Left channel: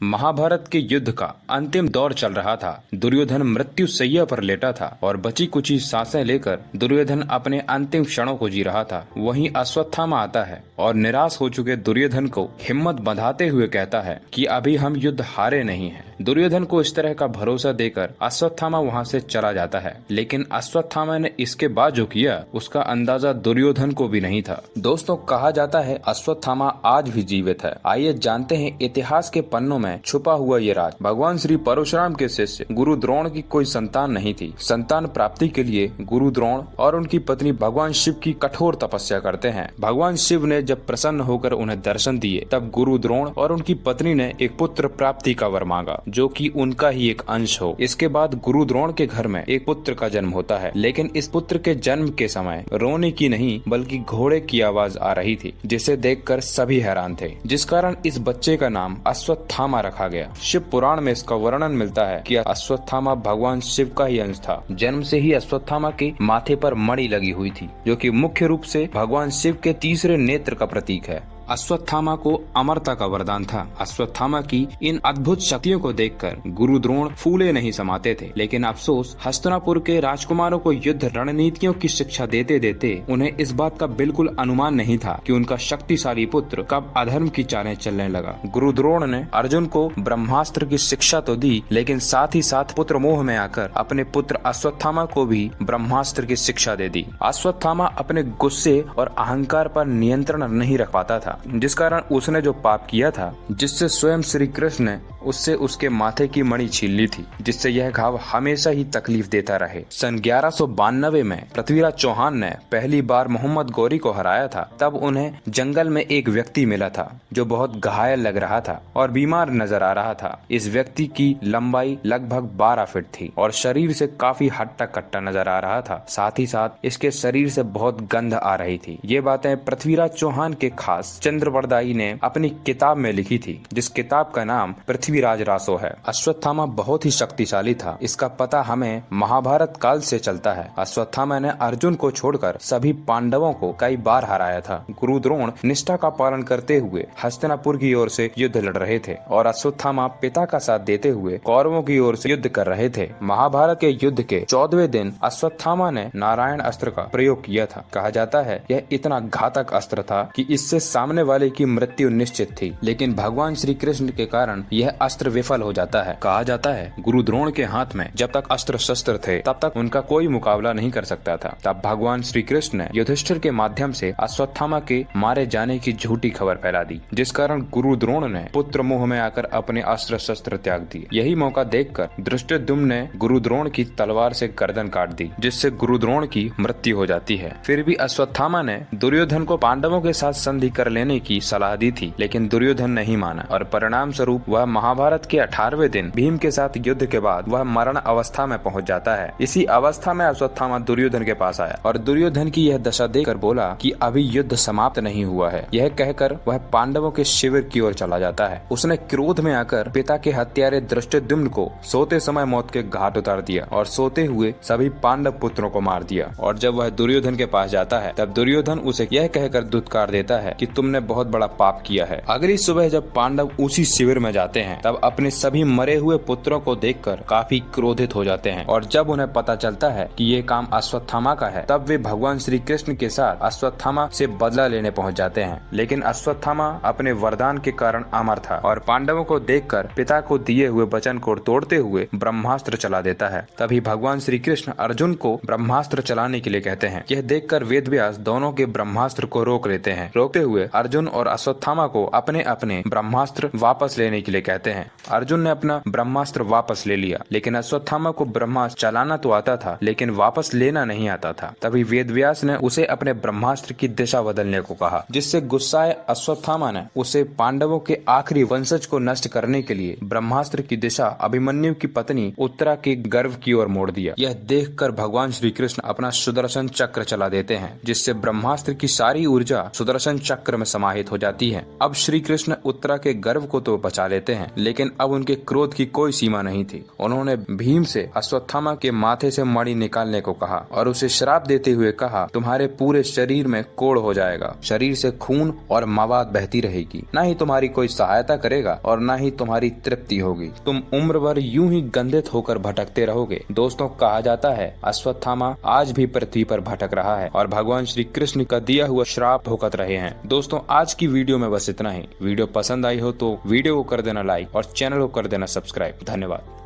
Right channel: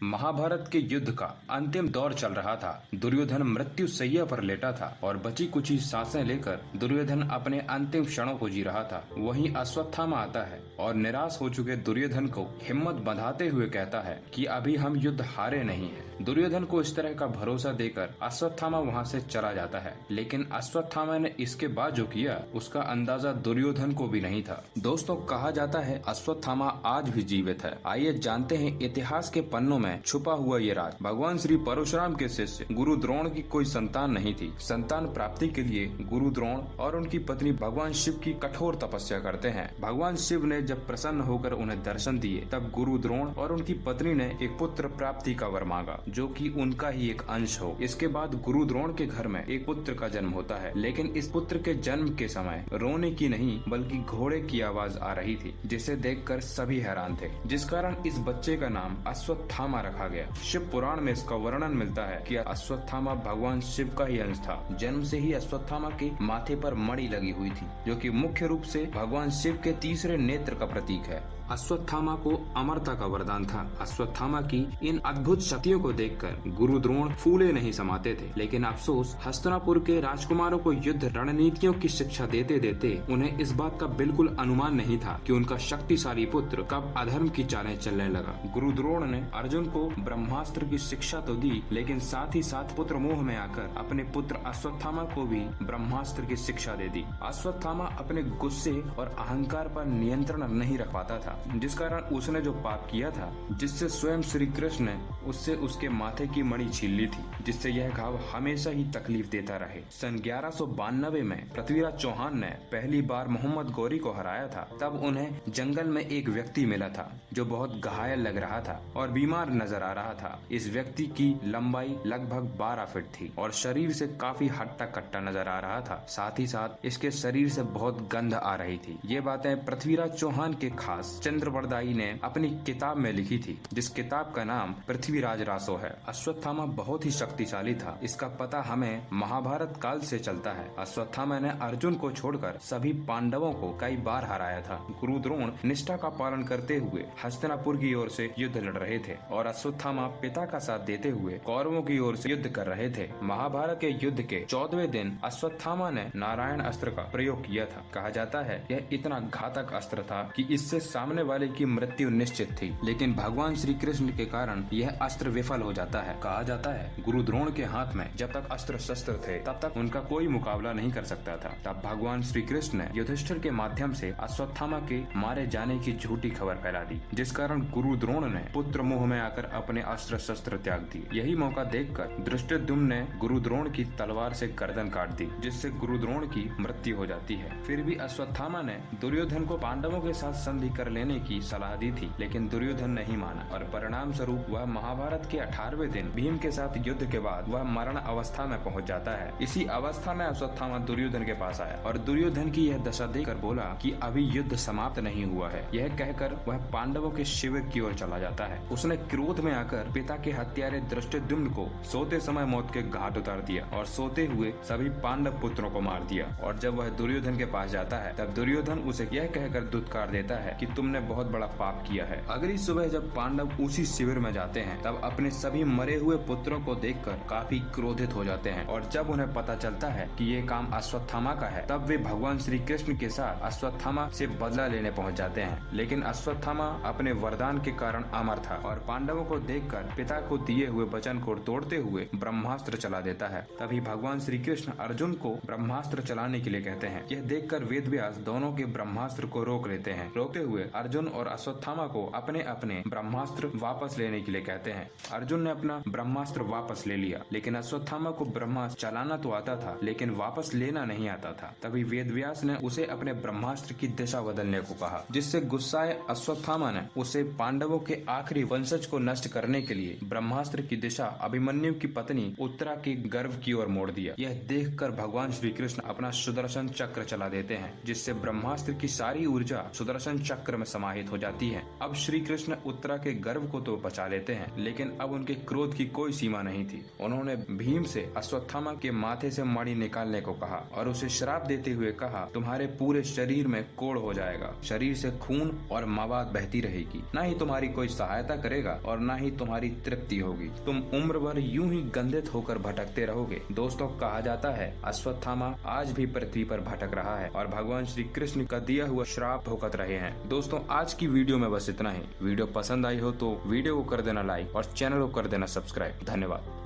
महाभारत के युद्ध का अंतिम दौर चल रहा था। दुर्योधन मृत्यु शैया पर लेटा था और बची कुची सांसें लेकर दुर्योधन अपने अंतिम क्षणों को जी रहा था। वहीं अश्वत्थामा आता है और निराश हो चुके दुर्योधन को हिम्मत बंधाते हुए कहता है कि अभी हम युद्ध हारे नहीं हैं। दुर्योधन को इस तरह का भरोसा देकर अश्वत्थामा वहां से चला जाता है, लेकिन अश्वत्थामा ने इसके बाद जो किया उसका अंदाजा दुर्योधन को भी नहीं था। दोस्तों, कहा जाता है अश्वत्थामा आज भी जीवित है। आइए जानते हैं इतिहास के पन्नों में छुपा हुआ ये राज। भगवान श्री परशुराम के शिष्य गुरु द्रोण की कोई संतान नहीं थी। संतान प्राप्ति के लिए गुरु द्रोण और उनकी पत्नी भगवान शिव की कठोर तपस्या करते हैं। भगवान शिव ने जब प्रसन्न होकर उन्हें दर्शन दिए, तब गुरु द्रोण और उनकी पत्नी ने एक पुत्र प्राप्ति का वर मांगा, जो कि उनका ही एक अंश हो। इसके बाद गुरु द्रोण के घर में एक पुत्र का जन्म होता है, लेकिन इस पुत्र के जन्म के समय रोने की नहीं बल्कि घोड़े की आवाज आ रही थी, जिसे देखकर सभी हैरान थे, जिस कारण इस बच्चे का नाम अश्वत्थामा रखा गया। शिव पुराण में इसका वर्णन मिलता है कि अश्वत्थामा भगवान शिव का ही अंश था। जन्म से ही अश्वत्थामा के माथे पर मणि लगी हुई थी, जो कि मुख्य रूप से भगवान शिव के तीसरे नेत्र का प्रतीक है। अश्वत्थामा को अमरता का वरदान था। अश्वत्थामा की इन अद्भुत शक्तियों को देखकर गुरु द्रोण फूले नहीं समाते थे, लेकिन अफसोस हस्तिनापुर के राजकुमारों को युद्ध रणनीतियों की शिक्षा देते देते उन्हें इस बात का बिल्कुल अनुमान नहीं था कि उनका शक्तिशाली पुत्र कब अधर्म की चालें चलने लगा। गुरु द्रोण ने अर्जुन को ब्रह्मास्त्र की शिक्षा तो दी, लेकिन साथ ही साथ पुत्र मोह में आकर अपने पुत्र अश्वत्थामा को भी ब्रह्मास्त्र की शिक्षा दे दी। अश्वत्थामा अपने गुस्से और अहंकार पर नियंत्रण नहीं रख पाता था, जिस कारण उसने जो पाप किया था, जिससे स्वयं श्री कृष्ण ने उससे उसके माथे की मणि छीन ली थी, जिससे यह घाव हमेशा ही तकलीफ देता रहे। सन 1192 में पृथ्वीराज चौहान ने पहली बार मोहम्मद गौरी को हराया था। तब उन्हें जंगल में एक व्यक्ति मिला था जो बहुत घायल लग रहा था और बीमार नजर आ रहा था। इस व्यक्ति की लंबाई लगभग 12 फीट थी और शरीर से काफी हट्टा कट्टा नजर आ रहा था। साथ ही साथ इसके शरीर से बहुत गंध आ रही थी। ये बातें पृथ्वीराज चौहान के खास चंद्रवरदाई ने अपनी किताब में लिखी थी, जिस किताब का नाम पृथ्वीराज रासो है। अश्वत्थामा बहुत ही शक्तिशाली था। इसका पता हमें महाभारत काल से चलता है। अश्वत्थामा ने अर्जुन को छोड़कर सभी पांडवों को कई बार हराया था। गुरु द्रोण निष्ठा का पालन करते हुए हस्तिनापुर की ओर से युद्ध लड़ रहे थे और अश्वत्थामा पिता का साथ देते हुए कौरवों की ओर से युद्ध कर रहे थे। महाभारत के युद्ध के 14वें दिन अश्वत्थामा ने नारायण अस्त्र का प्रयोग किया था। कहा जाता है यह इतना घातक अस्त्र था कि इससे सामने वाले की मृत्यु निश्चित थी, लेकिन भगवान श्री कृष्ण के कारण यह अस्त्र विफल हो जाता है। कहा जाता है गुरु द्रोण के हाथ में जब तक अस्त्र शस्त्र थे तब तक उनका कोई मुकाबला नहीं कर सकता था। तब भगवान श्री कृष्ण ने युधिष्ठिर के माध्यम से अश्वत्थामा के मारे जाने की झूठी खबर फैला दी, जिस कारण गुरु द्रोण ने पुत्र मोह में आकर अपने अस्त्र शस्त्र त्याग दिए। यही मौका देखकर धृष्टद्युम्न ने गुरु द्रोण की तलवार से गर्दन काट दी, जिससे गुरु द्रोण की मृत्यु हो जाती है। फिर भी अश्वत्थामा ने दुर्योधन को पांडवों के साथ संधि कर लेने की सलाह दी थी, लेकिन दुर्योधन नहीं माना और परिणाम स्वरूप वह महाभारत के 18वें दिन भीम के साथ युद्ध के बाद वह मरण अवस्था में पहुंच जाता है। इसी अवस्था में अश्वत्थामा दुर्योधन के पास आया और दुर्योधन की यह दशा देखकर बोला कि अभी युद्ध समाप्त नहीं हुआ है। यह कहकर वह पांडवों के शिविर की ओर चला जाता है। उसने क्रोध में आकर पिता के हत्यारे धृष्टद्युम्न को सोते समय मौत के घाट उतार दिया और सोते हुए सभी पांडव पुत्रों को मार दिया। और जब वह दुर्योधन के पास जाता है, तब दुर्योधन उसे यह कहकर धुतकार देता है कि तुमने बहुत बड़ा पाप किया है। अगली सुबह जब पांडव उसी शिविर में जाते हैं, तब अपने सभी मरे हुए पुत्रों को देखकर काफी क्रोधित हो जाते हैं और जब उन्हें पता चलता है कि ये काम अश्वत्थामा का है, तब वे भगवान श्री कृष्ण के साथ अश्वत्थामा से बदला लेने पहुंच जाते हैं। लेकिन अश्वत्थामा अपने वरदान के कारण अमर था और पांडवों को देखकर पिता को दिए हुए वचन को तोड़ते हुए ब्रह्मास्त्र चला देता है। तभी भगवान श्री कृष्ण अर्जुन को ब्रह्मास्त्र चलाने के लिए कहते हैं। यह देखकर वेदव्यास दोनों के ब्रह्मास्त्र को रोक लेते हैं। रोकते हुए अर्जुन और अश्वत्थामा को अपने अपने ब्रह्मास्त्र वापस लेने के लिए कहते हैं। अर्जुन ने अपना ब्रह्मास्त्र वापस ले लिया, लेकिन अश्वत्थामा को ब्रह्मास्त्र चलाना तो आता था, लेकिन वापस लेना नहीं आता था। तभी वेदव्यास ने उसे अपने ब्रह्मास्त्र की दिशा बदलने को कहा, जिससे गुस्साए अश्वत्थामा ने उसे पांडवों के आखिरी वंशज को नष्ट करने के लिए ब्रह्मास्त्र की दिशा अभिमन्यु की पत्नी उत्तरा के गर्भ की ओर मोड़ दिया। यह देखकर भगवान श्री कृष्ण अपना सुदर्शन चक्र चला देते हैं, जिससे ब्रह्मास्त्र की सारी ऊर्जा सुदर्शन चक्र में समाहित हो जाती है। अब श्री कृष्ण उत्तरा के गर्भ को तो बचा लेते हैं, लेकिन अब उनके क्रोध की कोई सीमा नहीं थी। उन्होंने भीम से अश्वत्थामा के माथे से मणि निकालने को कहा और उसे श्राप देते हुए कहा, तुम्हारे पूरे शरीर में कोढ़ हो जाएगा, शरीर से खून और मवाद बहती रहेगी, न ही तुम्हारी कोई सहायता करेगा और न ही तुम्हारी तृप्ति होगी, तुम उम्र भर यूं ही गंधित होकर भटकते रहोगे। दोस्तों, कहा जाता है अश्वत्थामा आज भी पृथ्वी पर भटक रहा है और भगवान श्री कृष्ण का दिया हुआ श्राप भुगत रहे हैं। दोस्तों, आज की वीडियो में बस इतना ही। वीडियो पसंद आई हो तो वीडियो को कर देना लाइक और चैनल को कर देना सब्सक्राइब। धन्यवाद।